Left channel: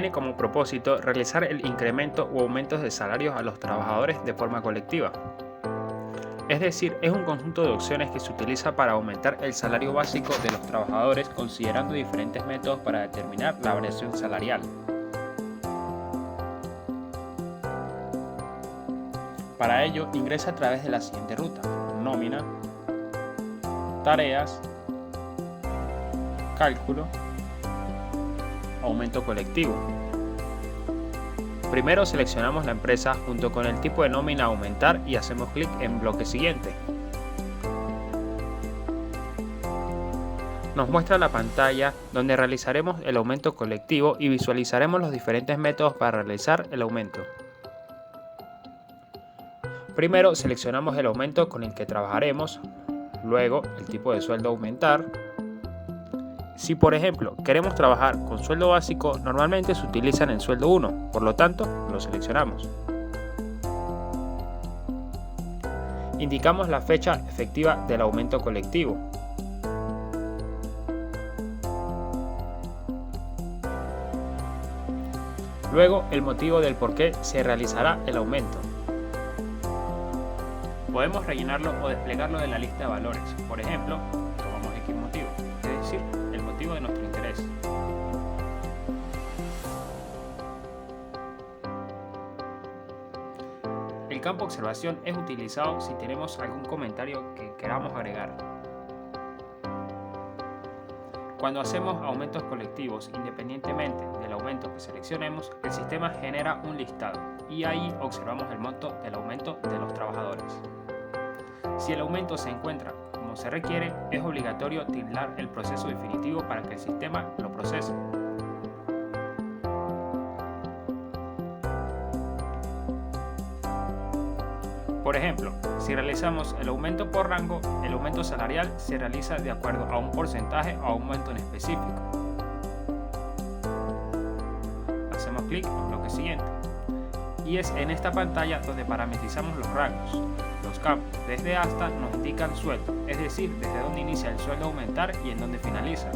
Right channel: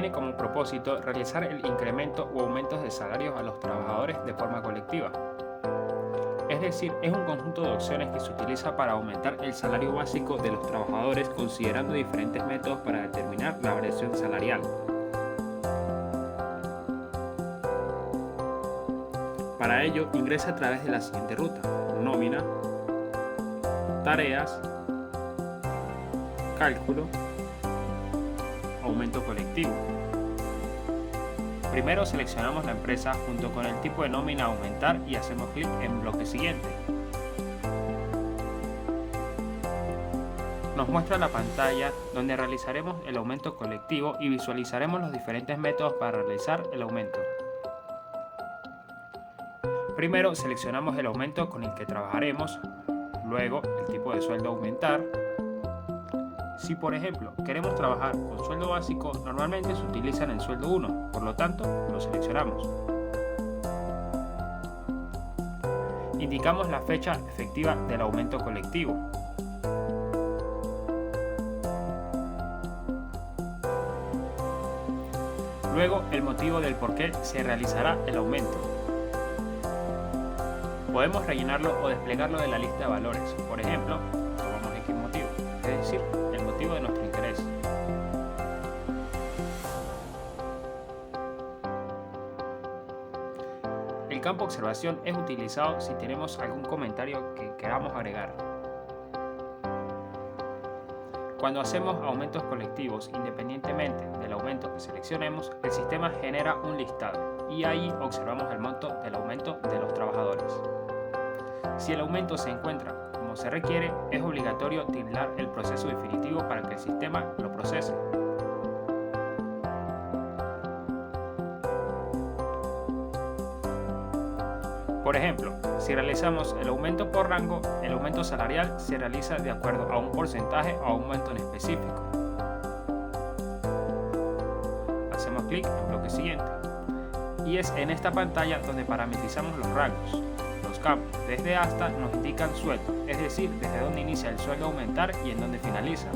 tiene como propósito realizar el incremento o aumentos de salarios a los trabajadores de forma colectiva. Es decir, es un conjunto de opciones que se utiliza para aumentar el salario básico de los trabajadores considerando diferentes métodos para determinar la variación salarial. Para ello, ingresa a través de la siguiente ruta: nómina, tareas, cálculo, aumento colectivo. Primero seleccionamos la empresa junto con el tipo de nómina a aumentar y hacemos clic en bloque siguiente. Nos muestra la pantalla donde realizaremos el aumento colectivo y visualizaremos los diferentes métodos para realizar el aumento. Primero seleccionamos el aumento con el que trabajaremos, luego el tipo de sueldo a aumentar. Si por ejemplo queremos trabajar con sueldo básico, normalmente se utiliza en el sueldo 1, por lo tanto lo seleccionamos. Indicamos la fecha efectiva del aumento colectivo. Luego el motivo del por qué se realizará el aumento. Podemos rellenarlo o desplegarlo de la lista de valores. Por ejemplo, tomamos X motivo, es decir, el motivo de nuestro interés. El campo observación es utilizado si tenemos algún comentario que queramos agregar. Cuando hacemos aumentos colectivos, independientemente del aumento que seleccionemos, el sistema genera un listado y ahí observamos el monto del aumento de los trabajadores. Si el aumento se encuentra como se requiere, es obligatorio tildar el proceso definitivo para que el sistema lo procese. Por ejemplo, si realizamos el aumento por rango, el aumento salarial se realiza de acuerdo a un porcentaje o a un monto en específico. Hacemos clic en bloque siguiente. Y es en esta pantalla donde parametrizamos los rangos. Los campos desde hasta nos indican sueldo, es decir, desde dónde inicia el sueldo a aumentar y en dónde finaliza.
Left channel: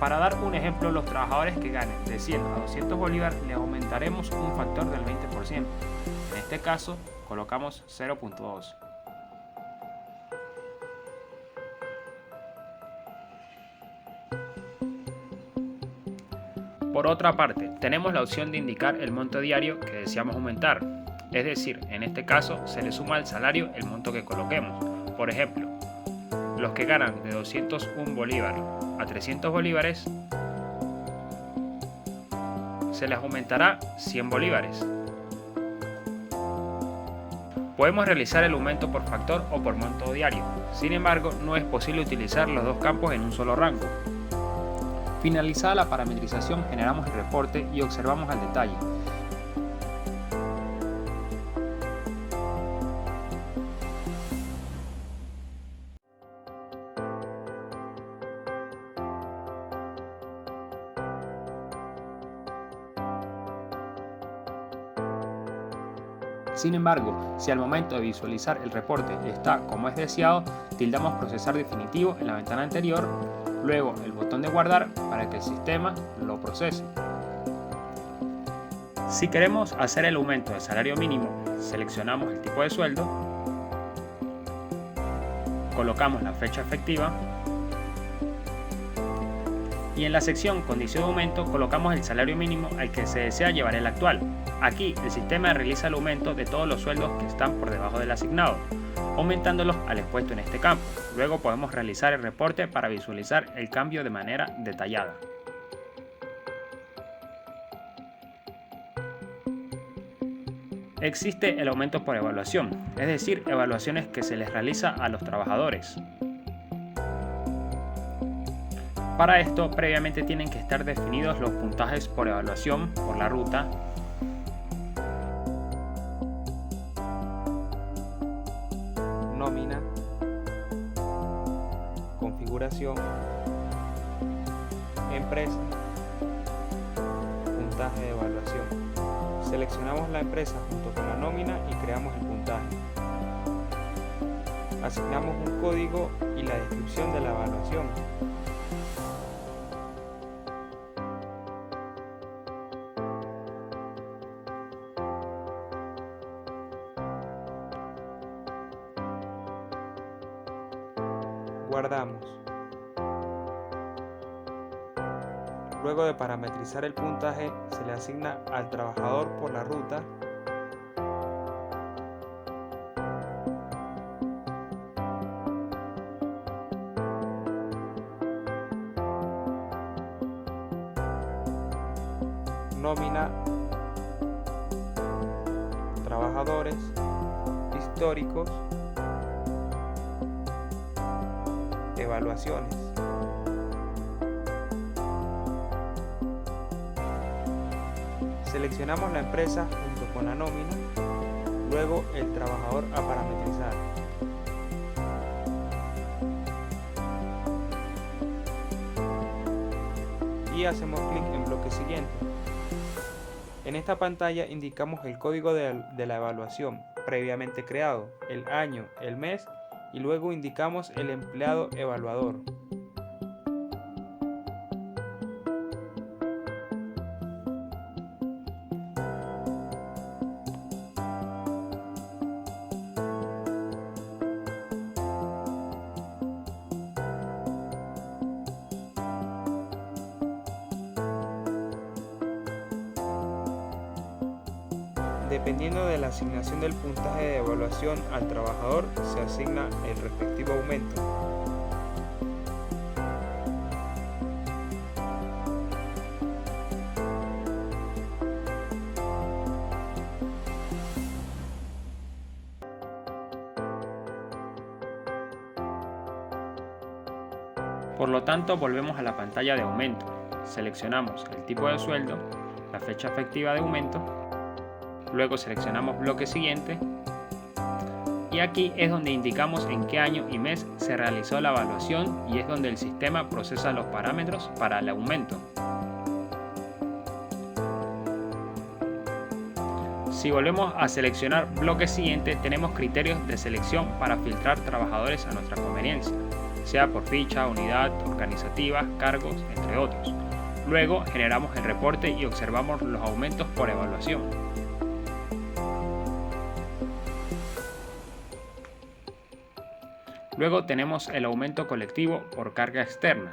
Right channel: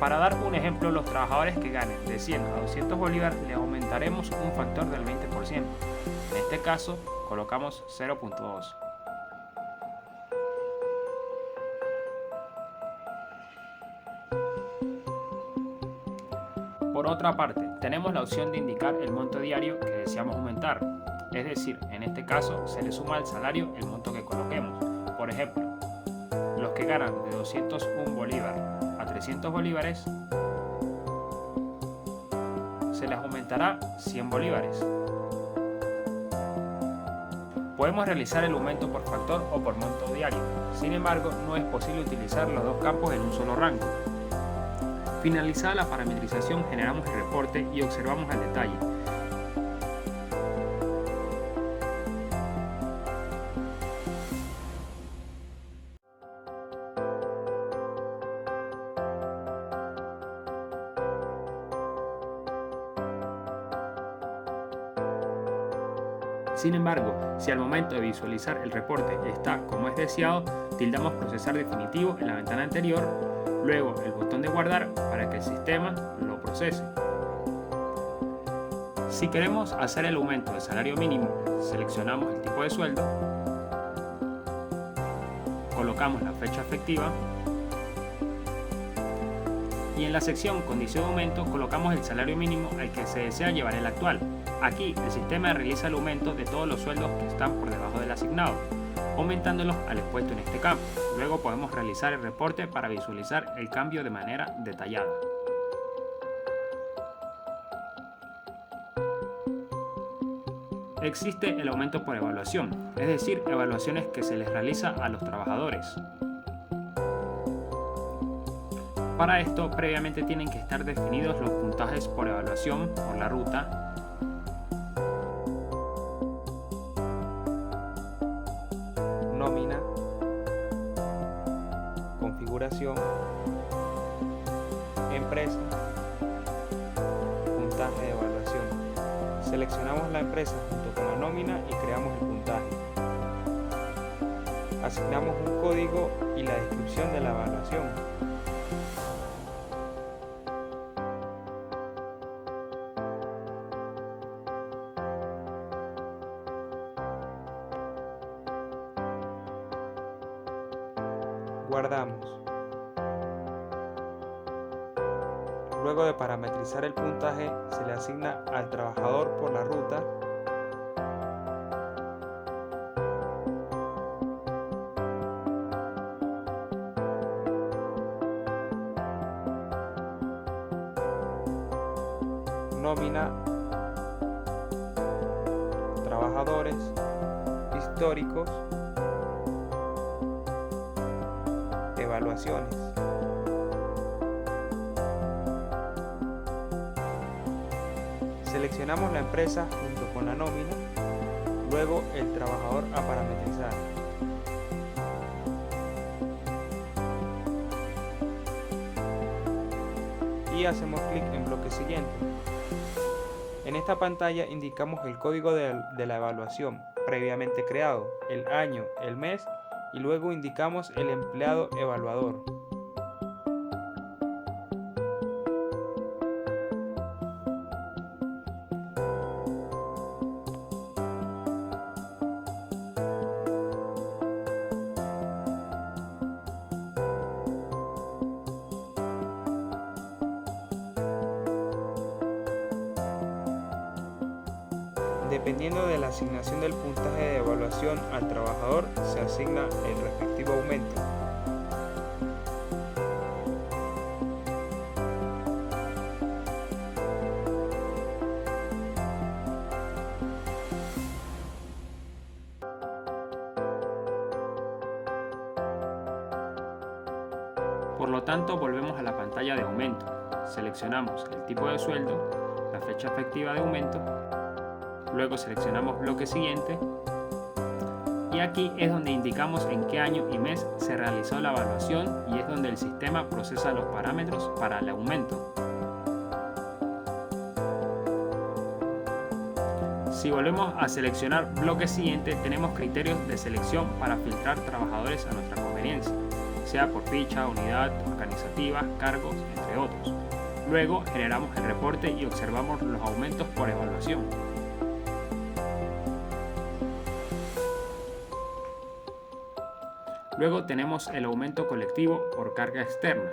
Para dar un ejemplo, los trabajadores que ganen de 100 a 200 bolívares les aumentaremos un factor del 20%. En este caso, colocamos 0.2. Por otra parte, tenemos la opción de indicar el monto diario que deseamos aumentar. Es decir, en este caso se le suma al salario el monto que coloquemos. Por ejemplo, los que ganan de 201 bolívares a 300 bolívares, se les aumentará 100 bolívares. Podemos realizar el aumento por factor o por monto diario. Sin embargo, no es posible utilizar los dos campos en un solo rango. Finalizada la parametrización, generamos el reporte y observamos al detalle. Sin embargo, si al momento de visualizar el reporte está como es deseado, tildamos procesar definitivo en la ventana anterior, luego el botón de guardar para que el sistema lo procese. Si queremos hacer el aumento del salario mínimo, seleccionamos el tipo de sueldo, colocamos la fecha efectiva y en la sección condición de aumento colocamos el salario mínimo al que se desea llevar el actual. Aquí el sistema realiza el aumento de todos los sueldos que están por debajo del asignado, aumentándolos al expuesto en este campo. Luego podemos realizar el reporte para visualizar el cambio de manera detallada. Existe el aumento por evaluación, es decir, evaluaciones que se les realiza a los trabajadores. Para esto, previamente tienen que estar definidos los puntajes por evaluación por la ruta, nómina, configuración, empresa, puntaje de evaluación. Seleccionamos la empresa junto con la nómina y creamos el puntaje. Asignamos un código y la descripción de la evaluación. Guardamos. Luego de parametrizar el puntaje, se le asigna al trabajador por la ruta nómina, trabajadores históricos, evaluaciones. Seleccionamos la empresa junto con la nómina, luego el trabajador a parametrizar. Y hacemos clic en bloque siguiente. En esta pantalla indicamos el código de la evaluación previamente creado, el año, el mes y luego indicamos el empleado evaluador. Dependiendo de la asignación del puntaje de evaluación al trabajador, se asigna el respectivo aumento. Por lo tanto, volvemos a la pantalla de aumento. Seleccionamos el tipo de sueldo, la fecha efectiva de aumento. Luego seleccionamos bloque siguiente y aquí es donde indicamos en qué año y mes se realizó la evaluación y es donde el sistema procesa los parámetros para el aumento. Si volvemos a seleccionar bloque siguiente, tenemos criterios de selección para filtrar trabajadores a nuestra conveniencia, sea por ficha, unidad, organizativa, cargos, entre otros. Luego generamos el reporte y observamos los aumentos por evaluación. Luego tenemos el aumento colectivo por carga externa.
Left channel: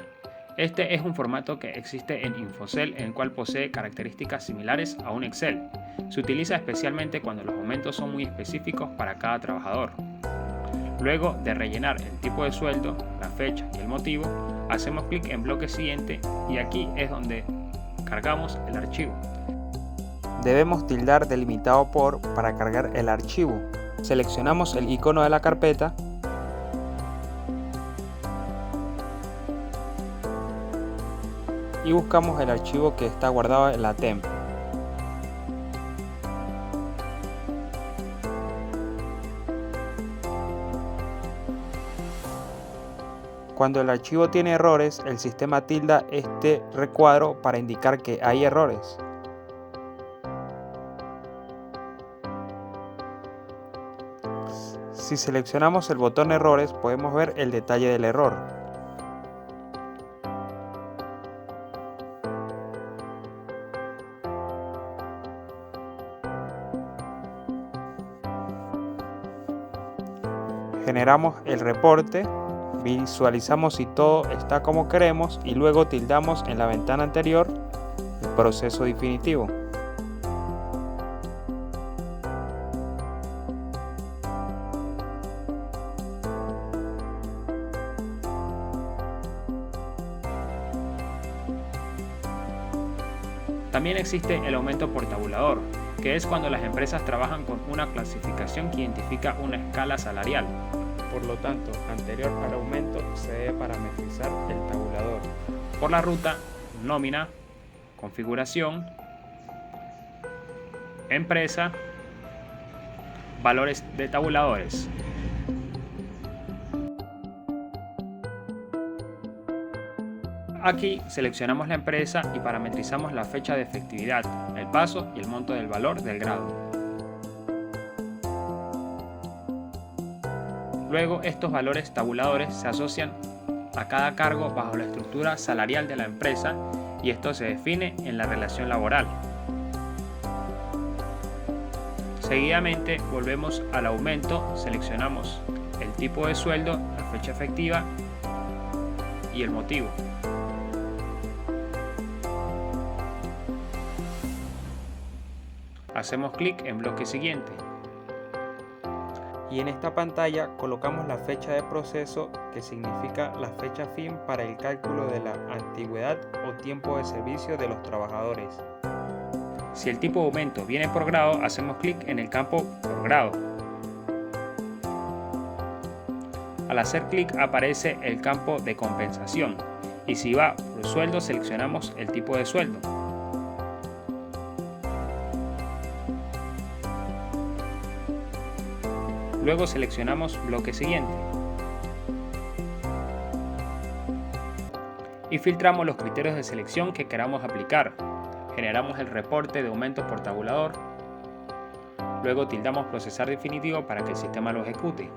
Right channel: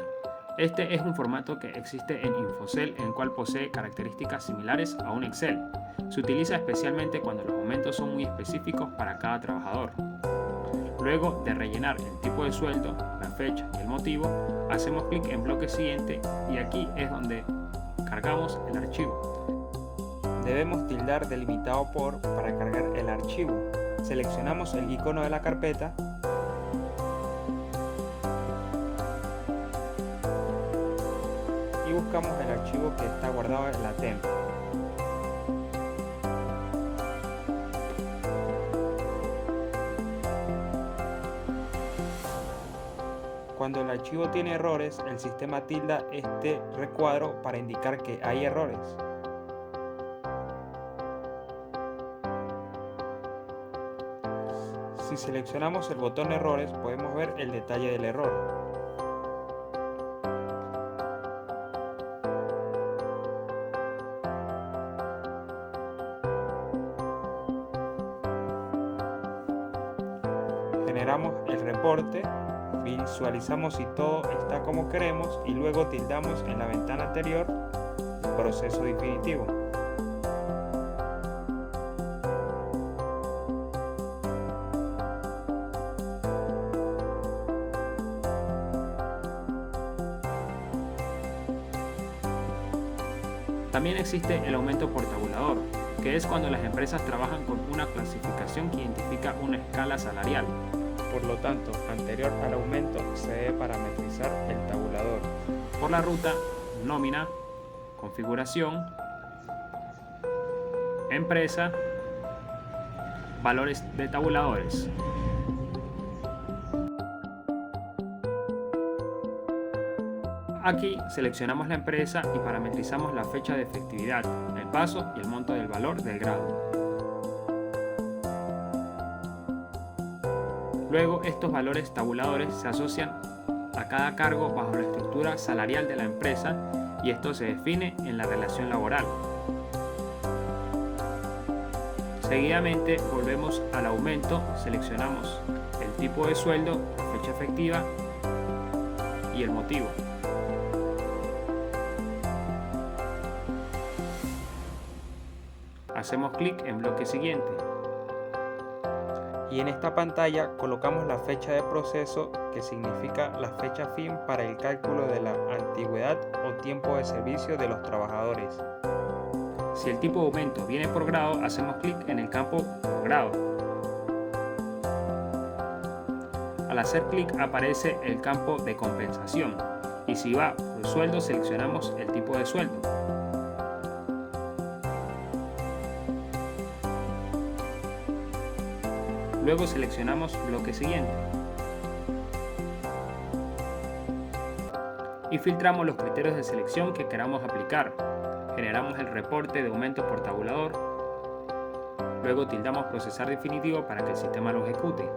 Este es un formato que existe en Infocell, en el cual posee características similares a un Excel. Se utiliza especialmente cuando los aumentos son muy específicos para cada trabajador. Luego de rellenar el tipo de sueldo, la fecha y el motivo, hacemos clic en bloque siguiente y aquí es donde cargamos el archivo. Debemos tildar delimitado por para cargar el archivo. Seleccionamos el icono de la carpeta y buscamos el archivo que está guardado en la temp. Cuando el archivo tiene errores, el sistema tilda este recuadro para indicar que hay errores. Si seleccionamos el botón errores, podemos ver el detalle del error. Generamos el reporte, visualizamos si todo está como queremos y luego tildamos en la ventana anterior el proceso definitivo. También existe el aumento por tabulador, que es cuando las empresas trabajan con una clasificación que identifica una escala salarial. Por lo tanto, anterior al aumento se debe parametrizar el tabulador. Por la ruta, nómina, configuración, empresa, valores de tabuladores. Aquí seleccionamos la empresa y parametrizamos la fecha de efectividad, el paso y el monto del valor del grado. Luego estos valores tabuladores se asocian a cada cargo bajo la estructura salarial de la empresa y esto se define en la relación laboral. Seguidamente volvemos al aumento, seleccionamos el tipo de sueldo, la fecha efectiva y el motivo. Hacemos clic en bloque siguiente. Y en esta pantalla colocamos la fecha de proceso, que significa la fecha fin para el cálculo de la antigüedad o tiempo de servicio de los trabajadores. Si el tipo de aumento viene por grado, hacemos clic en el campo por grado. Al hacer clic aparece el campo de compensación y si va por sueldo seleccionamos el tipo de sueldo. Luego seleccionamos bloque siguiente y filtramos los criterios de selección que queramos aplicar. Generamos el reporte de aumentos por tabulador. Luego tildamos procesar definitivo para que el sistema lo ejecute.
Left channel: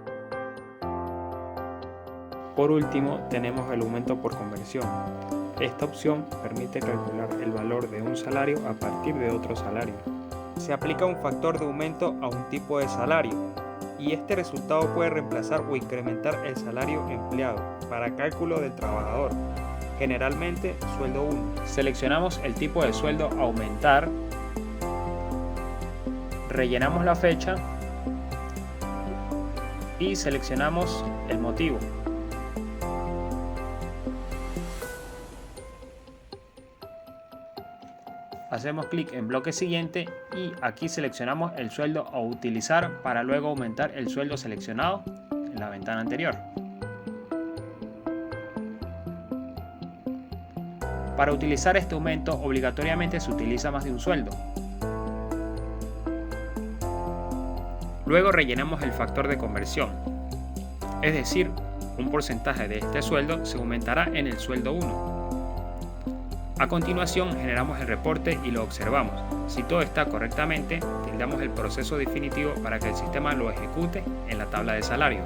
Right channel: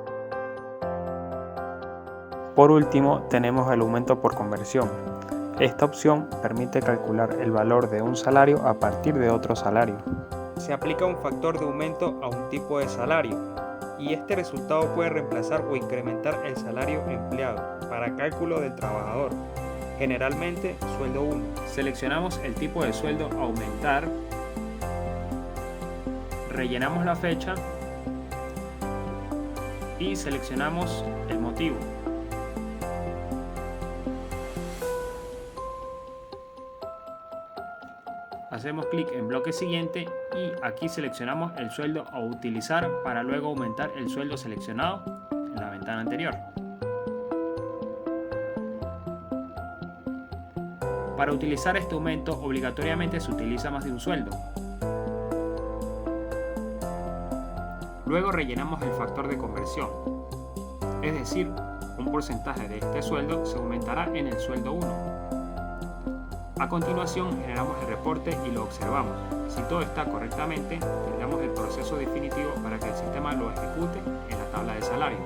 Por último, tenemos el aumento por conversión. Esta opción permite calcular el valor de un salario a partir de otro salario. Se aplica un factor de aumento a un tipo de salario y este resultado puede reemplazar o incrementar el salario empleado para cálculo del trabajador, generalmente sueldo 1. Seleccionamos el tipo de sueldo a aumentar, rellenamos la fecha y seleccionamos el motivo. Hacemos clic en bloque siguiente y aquí seleccionamos el sueldo a utilizar para luego aumentar el sueldo seleccionado en la ventana anterior. Para utilizar este aumento obligatoriamente se utiliza más de un sueldo. Luego rellenamos el factor de conversión, es decir, un porcentaje de este sueldo se aumentará en el sueldo 1. A continuación generamos el reporte y lo observamos. Si todo está correctamente, tildamos el proceso definitivo para que el sistema lo ejecute en la tabla de salario.